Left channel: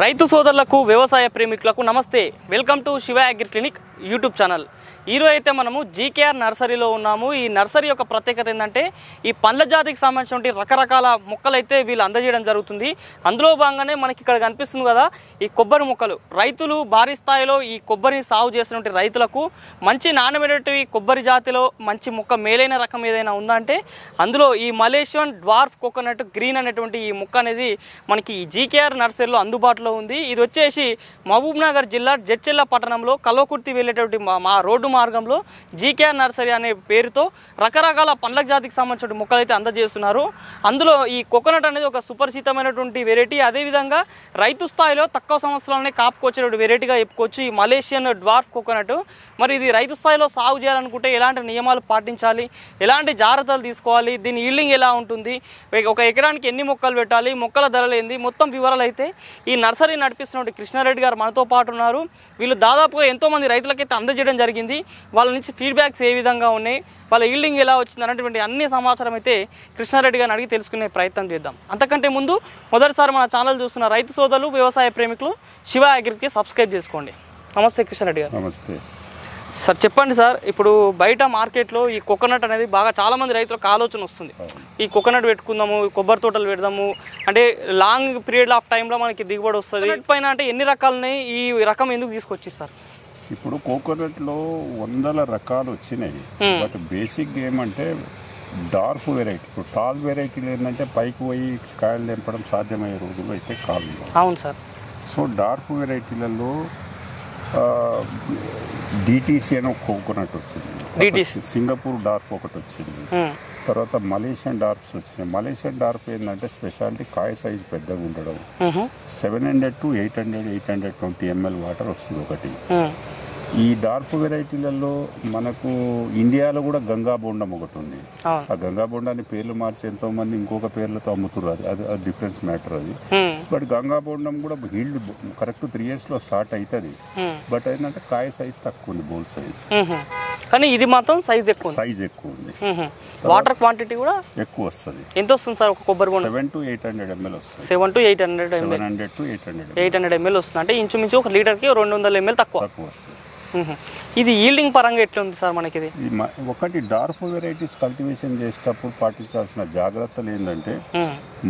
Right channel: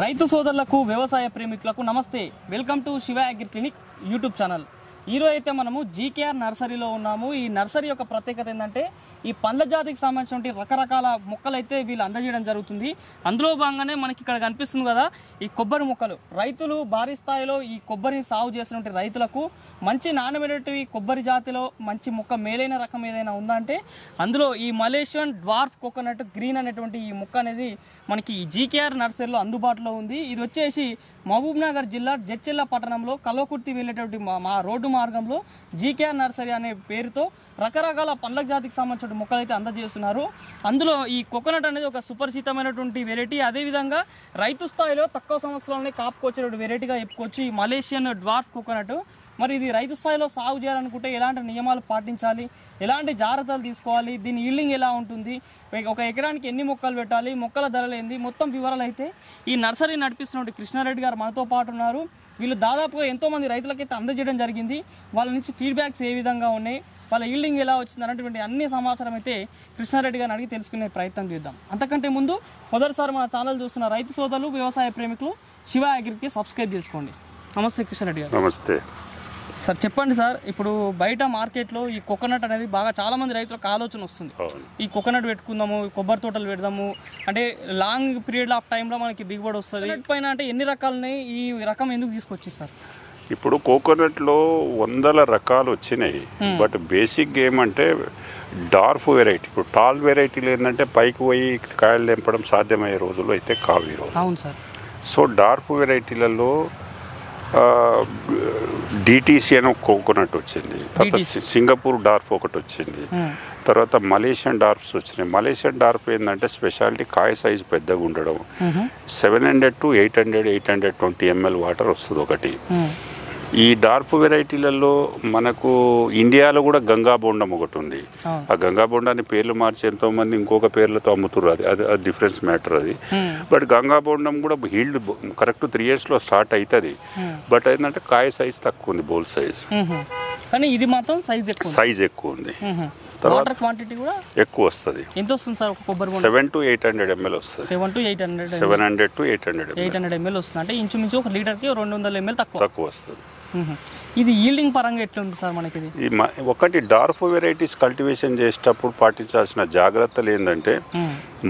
రైతు సోదరులకు వ్యవసాయ ప్రేమికులకు నమస్తే. Welcome to Shiva agri clinic YouTube channel. ఈరోజు అయితే మనము జీకేఆర్ నర్సరీలో ఉన్నాము. ఈ నర్సరీ యొక్క ప్రత్యేకత ఏంటంటే ఈ పండ్ల జాతికి సంబంధించిన రకరకాల మొక్కలు అయితే వీళ్ళు అందజేయడం జరుగుతుంది. అందులో భాగంగానే మనకి ఇక్కడ కనిపిస్తుంది కదా ఈ కొబ్బరి మొక్కలు. రైతులు భారీ స్థాయిలో ఈ కొబ్బరిని సాగు చేస్తున్న రైతులకు మంచి నాణ్యమైనటువంటి కొబ్బరి జాతిలో మంచి మొక్క మేలైన రకం ఏదైనా ఉందా అంటే అందులో ఈ మలేషియన్ డ్వార్ఫ్ కోకోనట్ గ్రీన్ అనేటువంటి ఈ మొక్క అనేది మనకి ఈ జీకేఆర్ నర్సరీలో అందుబాటులో ఉంది. ఇది వచ్చేసి మహబూబ్ నగర్ జిల్లా జడ్చెల్ల పట్టణంలో కల్వకుర్తి వెళ్ళేటువంటి మా రోడ్డు మార్గంలో జీకేఆర్ నర్సరీ అనే పేరుతో రకరకాల పండ్ల జాతికి సంబంధించిన మొక్కలు అయితే అందజేస్తున్నారు. అందులో ఈ కోకోనట్ అనేది ఒక సుపరిచితమైనటువంటి వెరైటీ. అదేవిధంగా రైతు స్థాయిలో తక్కువ సంవత్సరాలనే కాపుకొచ్చేటువంటి వెరైటీగా చెప్పుకోవచ్చు ఈ మలేషియన్ డ్వార్ఫ్ కోకోనట్. మరి ఇది రైతు స్థాయిలో సాగు చేయాలనుకుంటే ఎలాంటి నియమాలు పాటించాలి, ఎలాంటి జాగ్రత్తలు తీసుకోవాలి, దీని ఈల్డింగ్ ఎలా ఉంటుంది, ఒక ఎకరానికి ఎన్ని మొక్కలు పెట్టాలి, మొక్కల ధరలు ఏంది, మొత్తం వివరాలు అయితే ఈ నర్సరీ నడిపిస్తున్నటువంటి కృష్ణారెడ్డి గారు మనతో పాటు ఉన్నారు. వీళ్ళు దాదాపుగా ఎంతోమంది రైతులకైతే అందజేయడం జరిగింది. వాళ్ళ నుంచి ఫీడ్బ్యాక్స్ ఏ విధంగా ఉన్నాయి, వాళ్ళ ఈల్డింగ్ ఎలా వచ్చింది అనేటువంటి అన్ని సమాచారం అయితే కృష్ణారెడ్డి గారిని అడిగి తెలుసుకునే ప్రయత్నం చేద్దాం. అంతకంటే ముందు మొదటిసారి మన ఛానల్ చూస్తున్న రైతు సోదరులు వ్యవసాయ ప్రేమికులు శివ అగ్రికి సబ్స్క్రైబ్ చేసుకోండి. నమస్తే కృష్ణారెడ్డి గారు. నమస్తే సార్. చెప్పండి సార్, ఇప్పుడు బయట మార్కెట్లో ఈ కోకోనట్ అనేది బాగా చాలా మంది రైతులకు ఆలోచన వస్తుంది. ఈ కోకోనట్ పెట్టుకుందాము, కొబ్బరి తోటలు పెడదాము అంటే లాంగ్ పీరియడ్ ఆఫ్ టైంలో మనకి దిగుబడి వస్తుంది పైన అంటే ఎన్ని రకాలున్నాయి, ఈ రకం ఎందుకు తీసుకొచ్చి సార్? ఇప్పుడు కోకోనట్లో 100 రకాలు వచ్చినాయి. బట్ బేసిక్ ఏమంటే డార్ఫ్ వెరైటీ. ఇప్పుడు టాల్ వెరైటీలు ఏంటంటే పైకి పోయి కాయలు తెంపడం సాధ్యమయ్యే రోజుల్లో అయితే కావు. అవును సార్. సో డార్ఫ్ వెరైటీలలో డిటిసి అని ఒక కోకోనట్ వచ్చింది, సింగపూర్ డార్ఫ్ ఒకటి వచ్చింది, తర్వాత మలేషియన్ డార్ఫ్స్ వచ్చినాయి. మలేషియన్ డార్ఫ్ ఏంటంటే స్పెషాలిటీ కాయ సైజు పెద్దగా ఉండడం. 700 to 800 820 ml వాటర్ వస్తుంది ఒకటి. ఈ డార్ఫ్ వెరైటీలలో మనకు ఇండియాలో కూడా గంగా బోండం ఒకటి ఉంది. ఆ గంగా బోండాన్ని పేర్లు మార్చి ఎంతో మంది ఇంకొక పేర్లతో అమ్ముతున్నారు. అది డిఫరెన్స్ మ్యాటర్ అది. బట్ గంగా బోండం కూడా హీల్డ్ కరెక్ట్ 3 years లో స్టార్ట్ అవుతుంది. బట్ ఏంటంటే కాయ సైజ్ తక్కువ ఉంది, బోల్ సైజ్. కానీ ఇది మాత్రం సైజ్ ఎక్కువ ఉంది. వాటర్ క్వాంటిటీ కూడా ఎక్కువ వస్తుంది. ఎంత వస్తుంది సార్ ఒక కొబ్బరి బోండం? 700 to 800 ml వస్తుంది. 700 to 800 ml వస్తుంది. అంటే ఇంచుమించు 1 లీటర్కి 200 ml తక్కువ వస్తుంది. ఇది ఈల్డింగ్ పరంగా ఎట్లా ఉంది సార్ మనకి? ఒకటి డార్ఫ్ వెరైటీస్ కల్టివేషన్ చేసేటప్పుడు పాటించాల్సిన జాగ్రత్తలు ఏంటంటే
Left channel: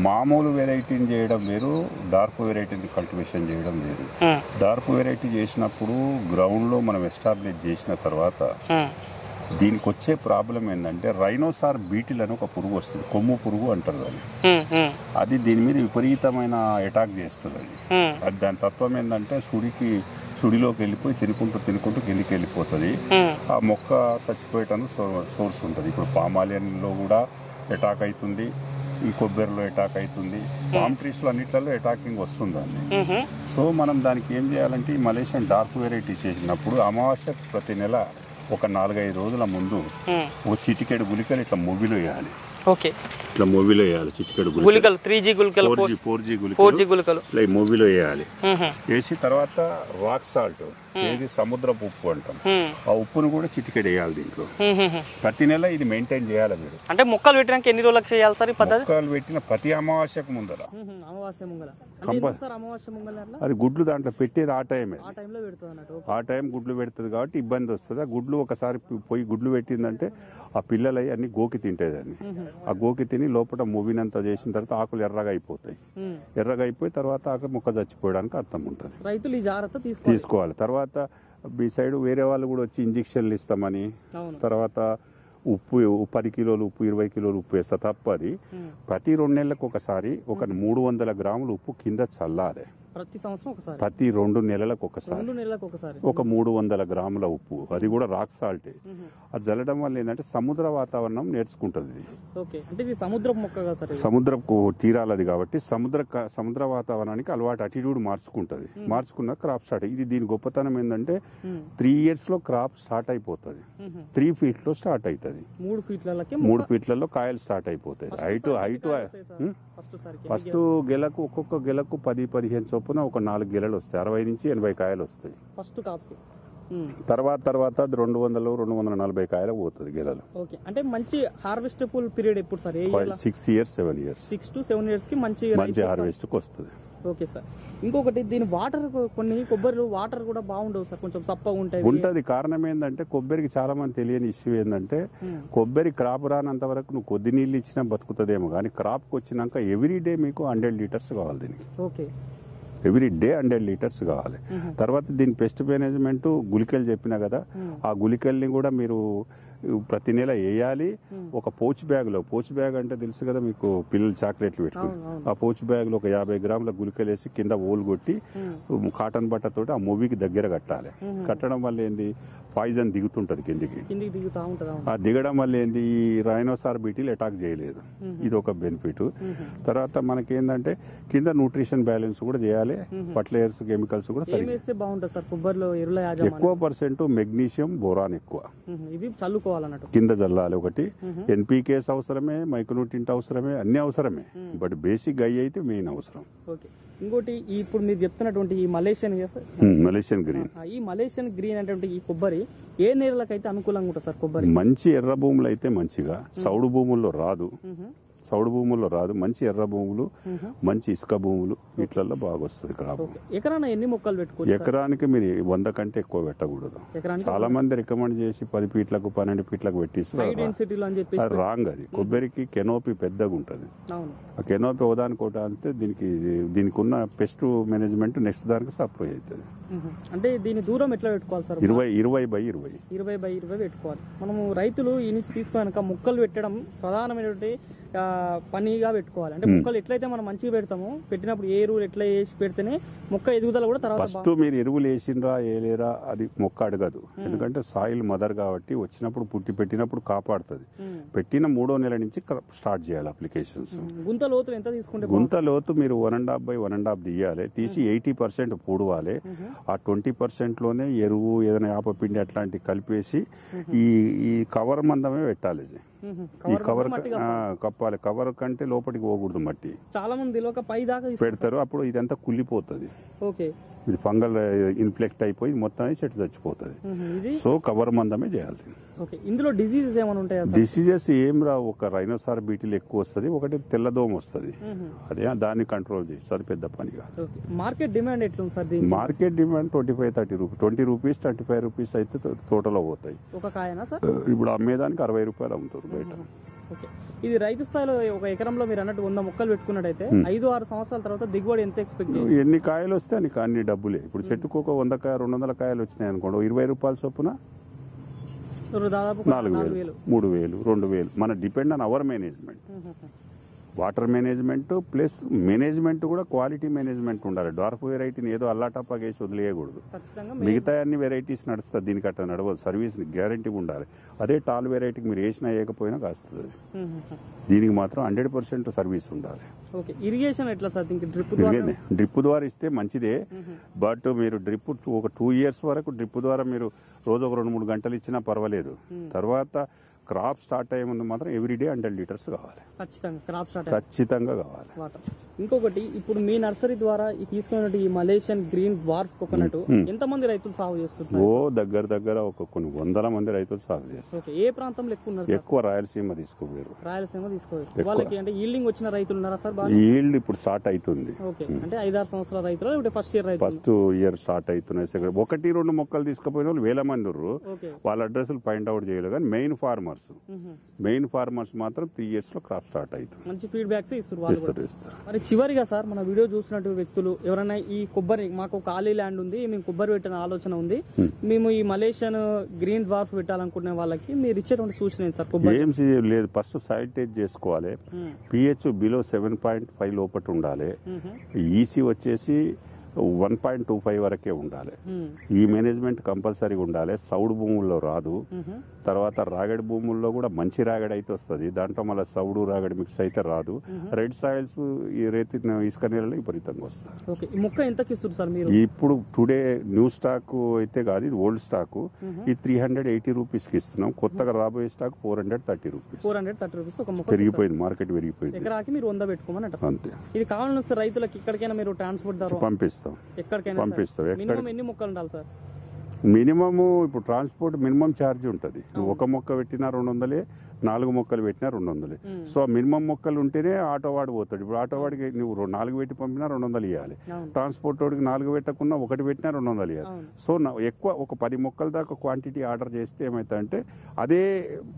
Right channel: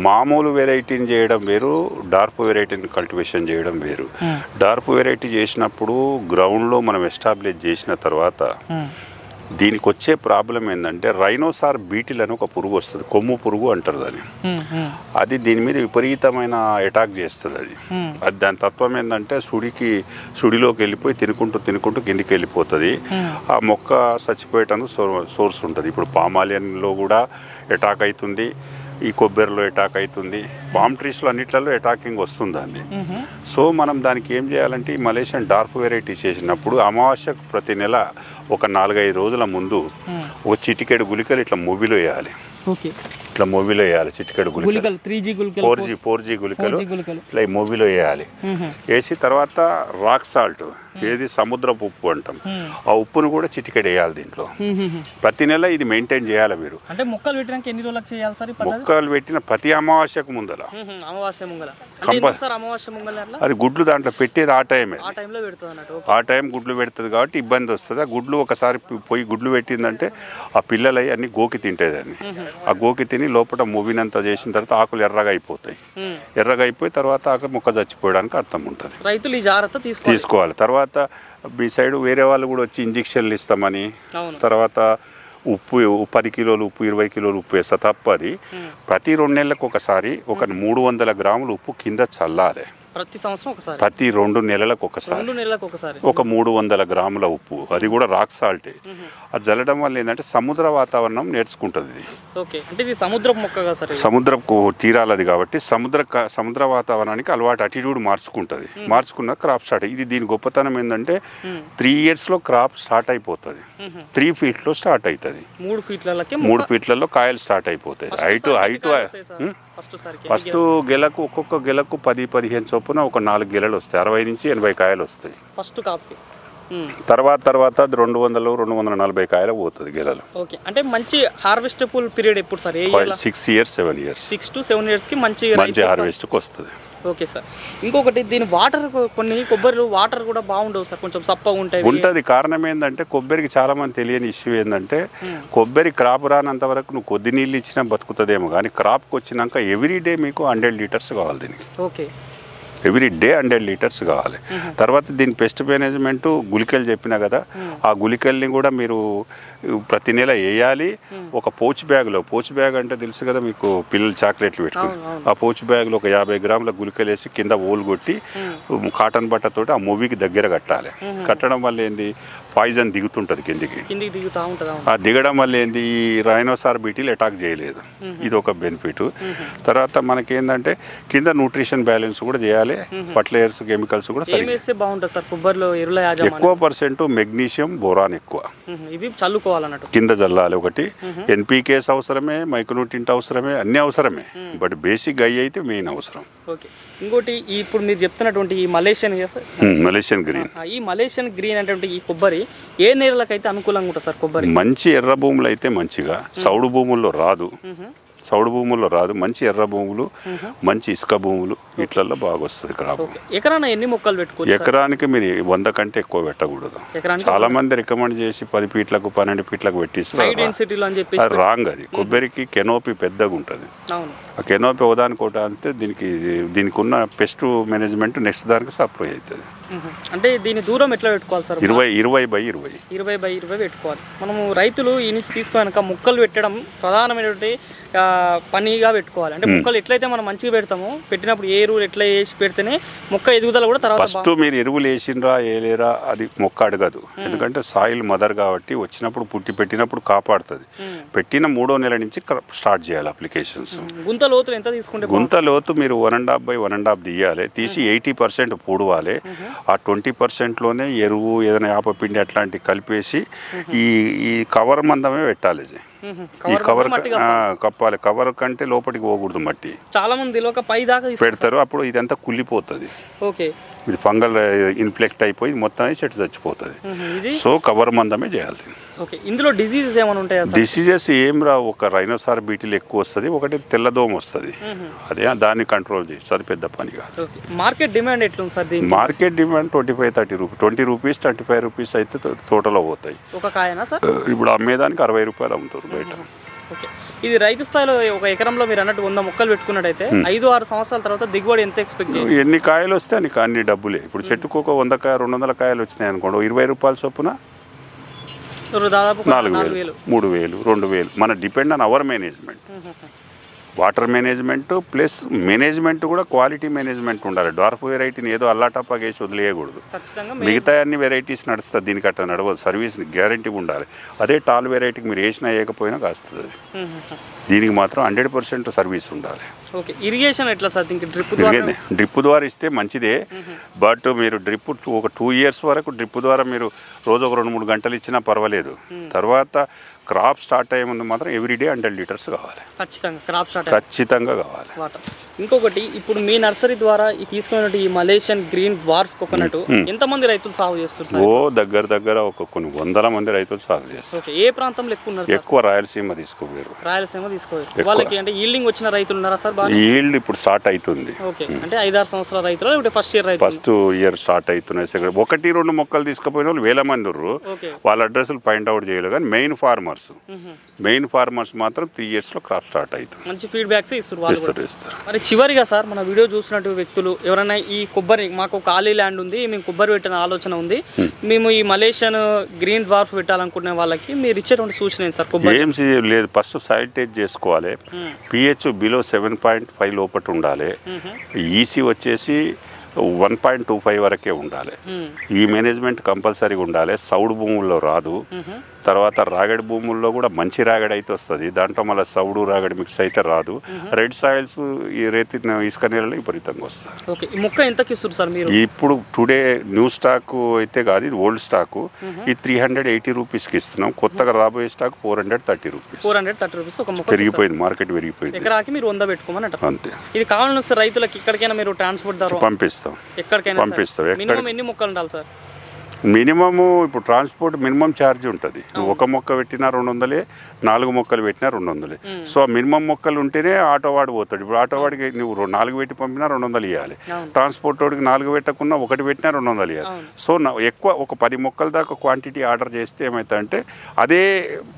మామూలు వెరైటీని చేయడం వేరు, డార్ఫ్ వెరైటీని కల్టివేషన్ చేయడం వేరు. డార్ఫ్ వెరైటీ చేసినప్పుడు గ్రౌండ్లో మనం ఎస్టాబ్లిష్ చేసిన తర్వాత దీనికి వచ్చే ప్రాబ్లం ఏంటంటే రైనోసార్ బీటిల్ అని ఒక పురుగు వస్తుంది, కొమ్ము పురుగు అంటారు దాన్ని. అది దీని మీద విపరీతమైన అటాక్ చేస్తుంది. అది దాని తత్వం ఏంటంటే సుడిలోకి వెళ్ళిపోయి తినుకుంటూ కిందికి వెళ్ళిపోతుంది. ఆ మొక్క చచ్చిపోయేటందుకు సోర్స్ ఉంటుంది. ఇప్పుడు పామాలియన్లో కూడా అటాక్ అవుతుంది, ఈ కొబ్బరిలో అటాక్ అవుతుంది, పామ్ ట్రీస్లో అన్నిట్లలో అటాకింగ్ వస్తుంది దాన్ని. సో మనం దానికి ఏం చేయాలంటే ఈ మలేషియన్ డార్క్ వెరైటీ చేసినప్పుడు అమావాస్యకు ప్రతి నెల ఒక 4-5 రోజుల ముందు ఒక చిటికెడు గుళికలు ఇట్లా మూవీలో వేయాలి. ఇట్లా మూవీలో వేయాలి చిటికెడు గుళికలు, 4G గుళికలు ఇట్లా ఈ మూవీలో వేయాలి. వేసి తర్వాత రాక్ సాల్ట్, ఏది సముద్రపు ఉప్పు అంటాం, ఆ ఉప్పును కూడా చిటికెడు వేయాలి దీంట్లో. ప్రతి నెల ఇది మెయింటైన్ చేయాలి మీరు. అంటే మొక్కలు పెట్టినాక ఎన్ని రోజులకు చేయాలి సార్? మొక్కలు పెట్టిన ప్రతి అమావాస్యకు ముందర. అది గుడ్లు దాంట్లో పెట్టేది ఆ టైమే. ఆ టైం గుడ్లు పెడుతుంది కాబట్టి ఇబ్బంది వస్తుంది. ఆ గుడ్లు ఒకసారి పోయి గుడ్లు పెట్టిందంటే ఆ పిల్లలు అన్ని గోకి తింటాయి దాన్ని. ఆ గోకి తిని లోపల మూవినంతా చేసిన తర్వాత ఆకులు ఎర్రగా అయిపోతాయి. ఎర్రగా అయిపోయి తర్వాత ఆకు మొక్క చచ్చిపోయడానికి అర్థం ఉంటుంది. రైతులు ఈ జాగ్రత్త తీసుకోవాలి. తర్వాత మీ సైడ్ వేరే వాళ్ళు కూడా వచ్చి ఇంజక్షన్లు ఇస్తామని, తర్వాత ఉప్పు 10 కిలోలు ఉప్పు 20 కిలోలు ఉప్పు వేస్తా తప్పది. ప్రతి 2 నెలలకు ఒకసారి ఒక 300 గ్రాములు ఉప్పు కింద చల్లాలి. ప్రతి 2 నెలలకు ఒకసారి ఒక 300 గ్రాముల ఉప్పు, అది కూడా రాక్ సాల్టే. అది చల్లడం వల్ల ఏంటంటే సముద్ర వాతావరణం నేర్చుకుంటుంది. ఇది సముద్రపు తీరాలది కాబట్టి సముద్ర వాతావరణానికి అలవాటు అటిట్యూడ్ మార్చుకున్న క్రాప్ స్టార్ట్. ఇది దీని గొప్పతనం ఏంటంటే 3 years లో క్రాప్ స్టార్ట్ అయిపోతుంది. 3 feet లో స్టార్ట్ అవుతుంది. 3 feetలలో కాయలు స్టార్ట్ అయిపోతాయి. హైట్ ఫస్ట్ గెలకు ఒక్కొక్క గెలకు 10-15 చొప్పున ఒక 4 గెలలు వస్తాయి. 60 నుంచి 80 కాయలు వస్తాయి ఫస్ట్ కాపు. తర్వాత 200-240 కాయలు పోతుంది గెలలు. అంటే మంచి హార్వెస్టబుల్ పీరియడ్ ఎప్పుడు sir? 6 years 7 years 6 to 7 years కి మంచి హార్వెస్ట్ కి వస్తుంది. Okay sir. ఇంకొకటి దీని వాటర్ కొన్ని కొబ్బరిలు వాటర్ కూడా బాగుండవు సార్, కొంచెం సప్పగా ఉంటాయి. ఉంటుంది. కారణం ఏంటంటే కొబ్బరికి చాలా మంది తెలియని ఇష్యూ ఏంటంటే కొబ్బరి క్రాప్ రానంత వరకు నువ్వు కొద్ది నీళ్ళు ఇచ్చినా బతుకుతుందేమో, కానీ క్రాప్కి వచ్చినాక ఎవ్రీడే మీకు 100 లీటర్స్ కావాలి దీనికి. ఓకే, ఎవ్రీ డే 100 లీటర్స్ కావాలి. తర్వాత దీని పెస్ట్ మేనేజ్మెంట్ గుళికలు చెప్పినా కదా, ఆ గుళికల్ని కూడా మీరు ప్రతి నెల వేయాలి. ఒక పౌచ్ బ్యాగ్ అంటే తెలుసు కదా మీకు, పిల్లలు చాక్లెట్లు పెట్టుకుని ఆ పౌచ్ బ్యాగ్లో ఒక 50 గ్రాముల గుళికలు వేసి కింద ఓలు కొట్టి కాటన్ బట్టతోటి ఆ మూవీకి దగ్గర కట్టాలి. కట్టడం వల్ల ఏంది, పాయిజన్ దిగుతుంటుంది కిందికి. ఆ దిగడం వల్ల ఏంది, ఈ రైనోసార్ బీటీలు అటాక్ చేయలేదు. ఇది ఒక బెనిఫిట్. తర్వాత మనకేందంటే కింద న్యూట్రిషన్ బ్యాలెన్స్ కూడా చేయాలి. ఫర్టిలైజర్స్ కెమికల్స్ కూడా బాగుంటుంది సార్ కొబ్బరిలో. ఎక్కువ పర్సెంట్ మెగ్నీషియం, బోరాన్ ఎక్కువ ఇవి చల్లుకోవాలన్నట్టు కింద జల్లాలి. ఒకటి ఎన్పీకేస్ అవసరమే, మైక్రోన్యూట్రియంట్ అవసరమే, అన్ని అవసరమే. బట్ బేసిక్ అయ్యి అయితే మెయిన్ అవసరం. ఓకే, ఇంకోటి ఇప్పుడు మీరు చెప్తున్నటువంటి ఈ మలేషియన్ గ్రీన్, ఈ మలేషియన్ గ్రీన్ అంటే ఈ కొబ్బరి ఏ నేలలకైతే అనుకూలంగా ఉంటుంది సార్? కొబ్బరి మంచి ఎర్ర భూములు అయితే మంచిగా, సౌడు భూముల్లో రాదు. మంచి ఎర్ర భూములు, మంచి ఇసుక భూములు వీటిల్లో బాగా వస్తుంది క్రాప్. ఎకరాన ఎన్ని మొక్కలు పెట్టుకోవచ్చు? ఎకరానికి మీరు 100 కంటే ఎక్కువ పెట్టకూడదు. చాలా మంది రికమెండ్ చేసి 10 ఫీట్లకు 12 ఫీట్లకు పెట్టిస్తారు. అది రాంగ్. అది కొబ్బరికి కెనోపీ పెద్దగా ఉంటుంది. ఆ కెనోపీ ఒకదానికోట అంటే దీనికి ఉన్న పెస్ట్ మేనేజ్మెంట్ నెక్స్ట్ దానికి సప్లై అవుతుంది. అంటే దీని దూరం ఎట్లా పెట్టుకోవాలి సార్? 20x20 పెట్టుకోవాలి. మనము రైతులు ఈ నుంచి తీసుకున్నాక మొక్కలు పెట్టడం ప్రధానమైనటువంటి పనిగా పెట్టుకోవాలి. అంటే మొక్కలు ఎట్లయితే మనం మంచిగా పెడతామో, పెట్టినప్పుడు ఏ ఎరువులు ఎట్లా వేసి పెడితేనే మొక్క ఎదుగుదల కూడా తర్వాత. ఫస్ట్ మీరు ఎరువులు వేసిండ్రా వేయలేరా అది మొక్క అడగదు. ఎందుకంటే సాయిల్ మదర్ కాబట్టి వచ్చినప్పుడు పెట్టినప్పుడు కాపాడుతుంది. పెట్టిన 3వ నెల నుంచి స్టార్ట్ చేయాలి అప్లికేషన్స్. గుంత లోతు ఎంత తీసుకుంటే? గుంత లోతు మీరు 1.5 by 1.5 తీయాలి. తీసి 80% పూడవాలి. ఆ 20%లోనే ఎరువు ఏదైనా యాపపిండి అట్లాంటివి కలిపేసి ఈ కవర్ మందమే పెట్టాలి. ఈ కవర్ కప్పాలి. కవర్ కంటే లోపలికి పోకూడదు మట్టి. చాలా మంది పై దాకా పెడతారు, అప్పుడు ఇదంతా కుళ్ళిపోతుంది. ఓకే, ఇది ఫంగల్ ఇన్ఫెక్ట్ అయిపోయి మొత్తం చెట్టు చచ్చిపోతుంది. సో కవర్ మందమే చేయాలి. ఓకే, ఇందులో డిసీజెస్ ఏమైనా ఉంటాయా? డిసీజెస్ ఏం రావు. ఒక రైనోసార్ బీటీలు ఎక్కువ వస్తుంది, ఒకటి తెల్లదోమ వస్తుంది. అదే దాన్ని కంట్రోల్ చేసి అది పెద్ద పనిగా. మార్కెట్ డిమాండ్ ఎట్లుంది sir? Market demand 25-30 rupees, 20 rupees 25 rupees అయితే తోటలో పోతాయి. ఒక కాయనా సార్? ఇప్పుడు అమ్మేదానికి 60 రూపాయలు అమ్ముతారు బయట. ఓకే, ఇది రైతు స్థాయిలో ఒక ఎకరంలో మీరు అన్నట్టు 100 మొక్కలు పెట్టుకున్నట్టయితే 5-6 సంవత్సరాల తర్వాత దిగుబడి ఎంత ఎక్స్పెక్ట్ చేయాలి? ఎన్ని కాయలు వస్తే అన్ని డబ్బులే. ఇప్పుడు చెట్టుకు ఒక 100 కాయ 200 కాయలు వచ్చినాయి అనుకోండి, 20 రూపాయల చొప్పున దాదాపు 4,000, 3,000, 2,000. మన depend on hour management. Water management plus management కూడా క్వాలిటీ మేనేజ్మెంట్ ఉండాలి. డార్ఫ్ వెరైటీని ఏదో అల్లాటప్పగా వేసి వదిలేయకూడదు. మిగతా అన్ని వెరైటీస్ నడుస్తుంది, దీనికి అట్లా నడవదు. సర్వీస్ గ్యారంటీ ఉండాలి. అదే టాల్ వెరైటీకి మీరు వేసినా వేయకపోయినా కాస్తుంది. అది దీనికి మాత్రం 100% సర్వీస్ ఉండాలి. ఓకే, ఇరిగేషన్ ఎట్లా సార్? డ్రిప్ ద్వారా ఇస్తే మంచిదే. బట్ మీరు డ్రిప్ ఒక 2 years వరకు డ్రిప్ ద్వారా మీరు రోజు ఒక 2-3 గంటలు ఇచ్చినా పర్వాలేదు. తర్వాత క్రాప్ స్టార్ట్ అయ్యే ముందు మాత్రం ఎవ్రీడే 100 లీటర్స్ కావాలి. ఖచ్చితంగా కావాలి. ఇంకొకటి, ఇప్పుడు మీ నర్సరీ ద్వారా తీసుకున్నట్టు ఈ మలేషియన్ గ్రీన్ డ్వార్ఫ్ కోకోనట్ ఎంతమంది రైతులు సాగు చేస్తున్నారు? దగ్గర ఒక కొన్ని 100 మంది రైతులు సాగు చేస్తారు. ఏ ప్రాంతంలో ఎక్కువ ఉన్నారు? ఎక్కువ రాయలసీమ తీసుకోపోయారు. వాళ్ళకి అంటే ఈల్డింగ్ వచ్చిన రైతులు ఉన్నారా సార్? ఈల్డ్ ఇప్పుడు స్టార్ట్ అవుతుంది. ఓకే, అంటే 5-6 సంవత్సరాల రైతులు ఇప్పుడు ఫస్ట్ ఇయర్ స్టార్ట్ అవుతున్నాయి. 1-2 మొక్కలు తీసుకుపోయిన వాళ్ళు 1000 మంది ఉన్నారు. వాళ్ళ అడ్రస్లు పాయింట్ అవుట్ చేయలేదు. కానీ మెయిన్ ఫార్మర్స్ మాత్రం 3 years లో క్రాప్ స్టార్ట్ అవుతుంది. మంచి ఫీడ్బ్యాక్స్ ఇస్తారు. మరి చివరిగా సార్, మన వీడియో చూసినట్టు వ్యక్తులు ఎవరైనా ఈ కొబ్బరి, మాకు ఖాళీ ల్యాండ్ ఉంది, మేము కొబ్బరి పెట్టిన ఆలోచన ఉంది, మేము ఈ మలేషియన్ గ్రీన్ డ్వార్ఫ్ పెట్టాలనుకునే వాళ్ళకి మీరు ఇచ్చేటువంటి సూచన ఏంటి సార్? కొబ్బరి ఏం లేదు, ఫస్ట్ సాయిల్ టెస్ట్ చేసుకోవాలి. pH బిలో 7.5 లోపల ఉండాలి. ఈసీ వచ్చేసి 1.25 వరకే ఉండాలి. ఈ మేనేజ్మెంట్ కంపల్సరీగా ఉండాలి. సౌడు భూముల్లో రాదు. తర్వాత రాగడి భూముల్లో కూడా మంచి రాగడి అయితే వస్తుంది. దాంట్లో మళ్ళీ సౌడు రాగడి మిక్స్ అయితే రాదు. రెడ్ సాయిల్స్ ఈ రేతి ఇసుక నీళ్ళలో విపరీతంగా వస్తుంది. ఈ మొక్క ఎంతకి ఇస్తారు సార్ మీరు? ఇప్పుడు టుడే న్యూ స్టాక్ అయితే కాదు, ఇది ఓల్డ్ స్టాక్. ఈ 380 రూపీస్కి ఇస్తున్నాం. కొత్తగా రాబోయే స్టాక్ 430 రూపీస్. 430 రూపీస్ ఒక మొక్క పెరిగిపోయింది, మార్కెట్ పెరిగిపోయింది. ఎకరాకి మీరు 100 పెట్టుకోమని అంటారు. అంతే. ఇది కావాలని రైతులకు ఎక్కడికైనా మీరు ట్రాన్స్పోర్ట్ ద్వారా పంపిస్తాం. ఎక్కడికైనా పంపిస్తాం. మినిమం ఎన్ని మొక్కలు ఉండాలి సార్? మినిమము ఇప్పుడు ట్రాన్స్పోర్ట్ మినిమం ఛార్జ్ ఉంటుంది. ఒక మొక్క పెట్టినా 200, 4 మొక్కలు పెట్టినా 200. సో ఆ మినిమం మొక్కలు ఉంటేనే ఆటో వాడు పోతాడు. ఇప్పుడు ఆటో వాడికి నువ్వు 4 పెట్టి పంపినా 200 ఇవ్వాలి. ట్రాన్స్పోర్ట్ వాడికి 4 పెట్టకుండా 1 పెట్టినా 200 ఇవ్వాలి. సో ఎక్కువ ఒక 10 మొక్కల దాకా క్వాంటిటీ ఆర్డర్ చేస్తే ఏమవుతుందంటే అదే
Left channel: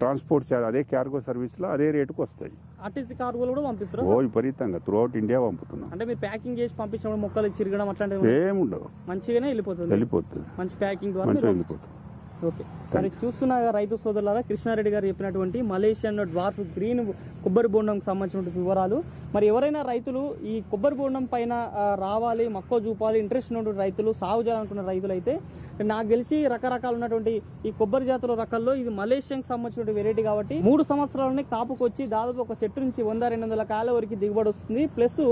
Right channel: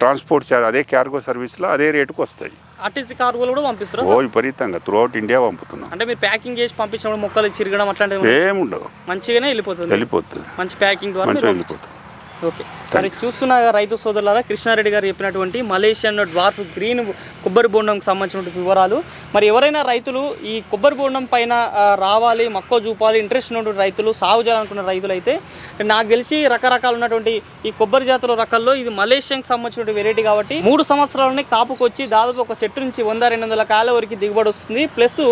ట్రాన్స్పోర్ట్ ఛార్జ్, అదే క్యార్గో సర్వీస్లో అదే రేటుకు వస్తాయి. ఆర్టీసీ కార్గోలు కూడా పంపిస్తారు. విపరీతంగా త్రూ అవుట్ ఇండియా పంపుతున్నాం. అంటే మీరు ప్యాకింగ్ చేసి పంపించినప్పుడు మొక్కలు చిరగడం అట్లాంటివి ఏముండవు, మంచిగానే వెళ్ళిపోతుంది. మంచి ప్యాకింగ్ ద్వారా వెళ్ళిపోతుంది. ఓకే, మరి చూస్తున్న రైతు సోదరులారా, కృష్ణారెడ్డి గారు చెప్పినటువంటి మలేషియన్ డ్వార్ఫ్ గ్రీన్ కొబ్బరి బోండంకి సంబంధించిన వివరాలు. మరి ఎవరైనా రైతులు ఈ కొబ్బరి బోండం పైన రావాలి, మక్కువ చూపాలి, ఇంట్రెస్ట్ ఉన్నటువంటి రైతులు, సాగు చేయాలనుకున్న రైతులు అయితే నాకు తెలిసి రకరకాలు ఉన్నటువంటి ఈ కొబ్బరి జాతుల రకాల్లో ఇది మలేషియాకి సంబంధించిన వెరైటీ కాబట్టి 3 సంవత్సరాలనే కాపుకొచ్చి దాదాపు ఒక చెట్టు నుంచి 100-200 కాయల వరకు దిగుబడి వస్తుంది. ప్లస్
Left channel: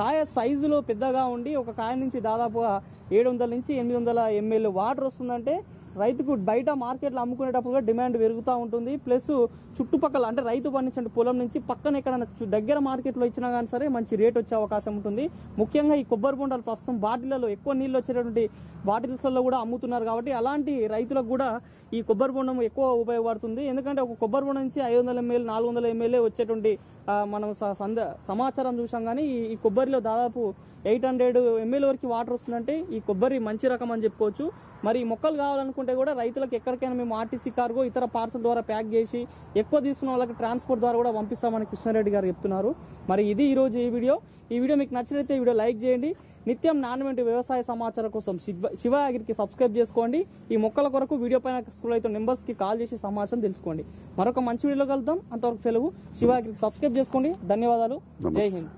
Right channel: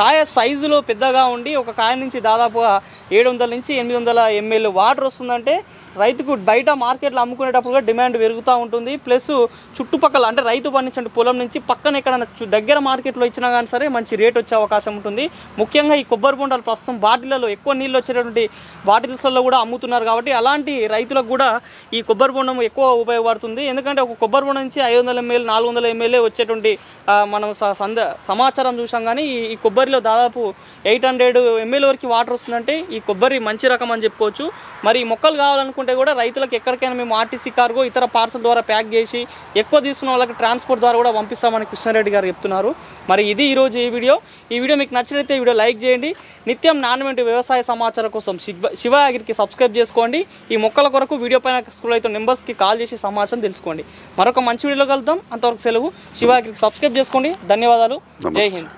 కాయ సైజులో పెద్దగా ఉండి ఒక కాయ నుంచి దాదాపుగా 700 నుంచి 800 ml వాటర్ వస్తుందంటే రైతుకు బయట మార్కెట్లో అమ్ముకునేటప్పుడు కూడా డిమాండ్ పెరుగుతూ ఉంటుంది. ప్లస్ చుట్టుపక్కల అంటే రైతు పండించిన పొలం నుంచి పక్కన ఎక్కడైనా దగ్గర మార్కెట్లో ఇచ్చినా కానీ సరే మంచి రేట్ వచ్చే అవకాశం ఉంటుంది. ముఖ్యంగా ఈ కొబ్బరి బొండాలు ప్రస్తుతం బాటిళ్లలో ఎక్కువ నీళ్ళు వచ్చేటటువంటి బాటిల్స్లో కూడా అమ్ముతున్నారు కాబట్టి అలాంటి రైతులకు కూడా ఈ కొబ్బరి బొండం ఎక్కువ ఉపయోగపడుతుంది. ఎందుకంటే ఒక కొబ్బరి బొండం నుంచి 500 ml 400 ml వచ్చేటువంటి మనం సమాచారం చూసాం. కానీ ఈ కొబ్బరిలో దాదాపు 800 ml వరకు వాటర్ వస్తుందంటే ఈ కొబ్బరి మంచి రకం అని చెప్పుకోవచ్చు. మరి ఈ మొక్కలు కావాలనుకుంటే కూడా రైతులకు ఎక్కడికైనా మేము ఆర్టీసీ కార్గో ఇతర పార్సల్ ద్వారా ప్యాక్ చేసి ఎక్కువ తీసుకున్న వాళ్ళకి ట్రాన్స్పోర్ట్ ద్వారా కూడా పంపిస్తామని కృష్ణారెడ్డి గారు చెప్తున్నారు. మరి ఇది ఈరోజు ఈ వీడియో మీకు నచ్చినట్లయితే ఈ వీడియో లైక్ చేయండి. నిత్యం నాణ్యమైన వ్యవసాయ సమాచారం కోసం శివ అగ్రికి సబ్స్క్రైబ్ చేసుకోండి. ఈ మొక్కల కొరకు వీడియో పైన స్క్రోల్ అవుతున్న నెంబర్స్కి కాల్ చేసి సమాచారం తెలుసుకోండి. మరొక మంచి వీడియోలో కలుద్దాం. అంతవరకు సెలవు. శివ అగ్రికి సబ్స్క్రైబ్ చేసుకోండి. ధన్యవాదాలు. జై హింద్.